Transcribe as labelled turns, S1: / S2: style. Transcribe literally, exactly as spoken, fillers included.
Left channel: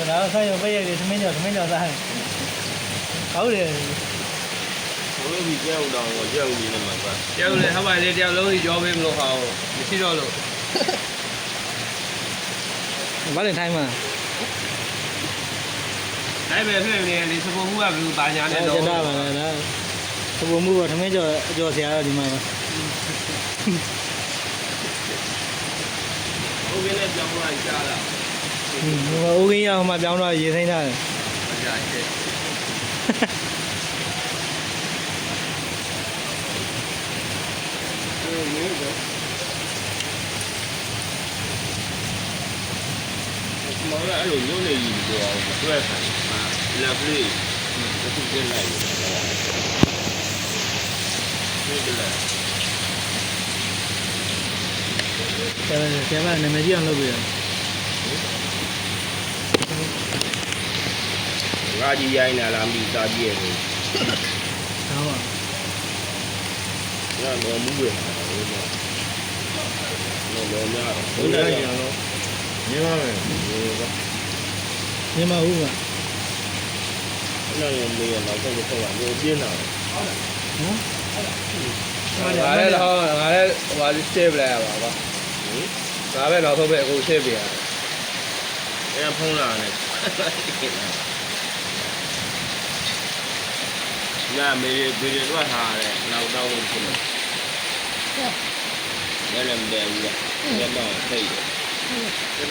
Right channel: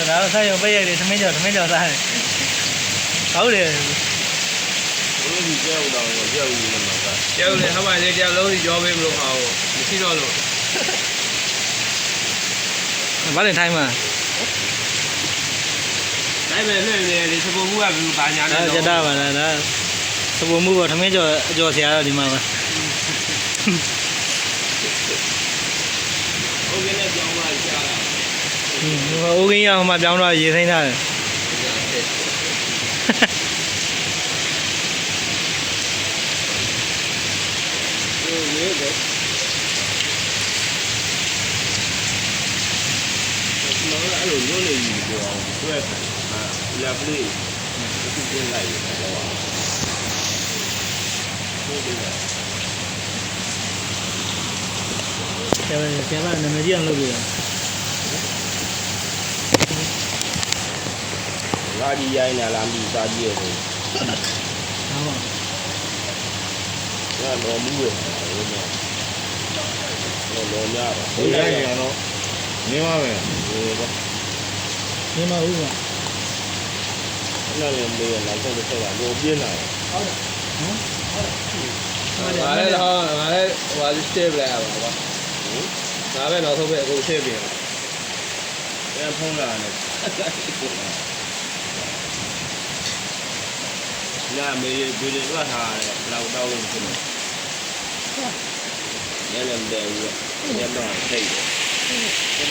S1: ဒါတော့ဆိုင်ရုံပိတ်ရိုက်လေသမင်းကြော်သမင်းကြော်စားတယ်ဟုတ်တယ်
S2: ဘလို့ဒီကြောက်တော့ကြောက်နေမှာပါ
S3: ကျောင်းလည်းဟောပါလေကျောင်းလုံးကြီးကြောပေးမလို့ဟောမရှိတော့လို့
S1: ဘာလဲထိုင်းမှာ
S3: နိုင်မယ်ဖြစ်နေဒီစပုံမှုကဘယ်လိုတာညာနဲ့
S1: ဒါကြတာပါလားဒါသဘောမှုကသမင်းကြော်အကျော်ဆရာတော့ဒီမှာပါ
S3: ဟုတ်ကဲ့နဲ့ပြောင်းသွားကြားတာ
S1: ဟိုအိုးကင်းရဟိုမှာပြောင်းတော့ရေသိမ်းထားတယ်
S3: ကြားချက်
S2: ဟိုရေးတယ်ဒီမှာအဲ့လိုညွှန်းနေပြီပြောအောင်တွဲဆိုင်အာလက်လေးအခုကျင်းလိုက်ရတာတော့ဟုတ်တယ်
S1: ဆရာဆရာကနာမည်ကြီးအောင်လုပ်ပြတော့
S2: ငါကြီးရိုင်းလာလားမိသားကြီးရဲ့ကို
S1: ဒါပါ
S2: ညတော့မူးပဲဟာလို့တော့တော့များတော့ဘုရားရအောင်တော့မြင်ပါမယ်ဒီက
S1: နေမဟုတ်ပါ
S2: အဲ့လိုမျိုးမေးရတော့တော့တော့တော့ပြင်းတာ
S1: ဟမ်
S3: ငါလည်းဟောငါလည်းဟိုစတေးပလိုက်ရပါကွာ
S2: ဟင်
S3: ငါပဲနောက်ဆုံးပဲအခုရှင်းပြရ
S2: အဲ့ဖုံးလာတယ်လာမေးပြီးတော့ဟာလေလောက်တော့ဖြစ်နေတယ်လည်းလည်းမတယ်ဘူးလေတော့ထိတ်တယ်